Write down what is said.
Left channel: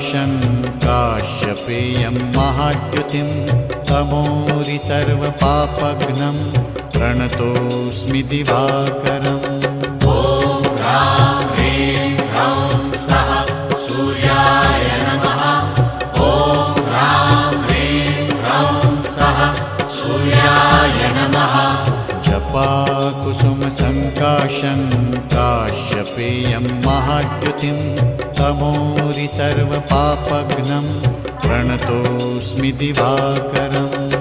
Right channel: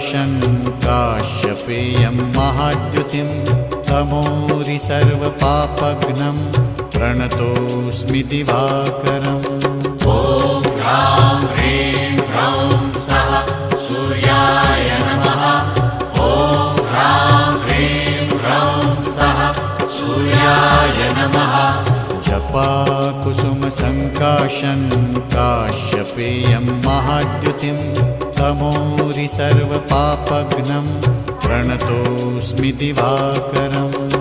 सङ्काशं काश्यपेयं महाद्युतिं तमोरि सर्वपापघ्नं प्रणतोऽस्मि दिवाकरम्। ॐ ह्रां ह्रीं ह्रौं स्वः सूर्याय नमः। ॐ ह्रां ह्रीं ह्रौं स्वः सूर्याय नमः। जपाकुसुमसङ्काशं काश्यपेयं महाद्युतिं तमोरि सर्वपापघ्नं प्रणतोऽस्मि दिवाकरम्।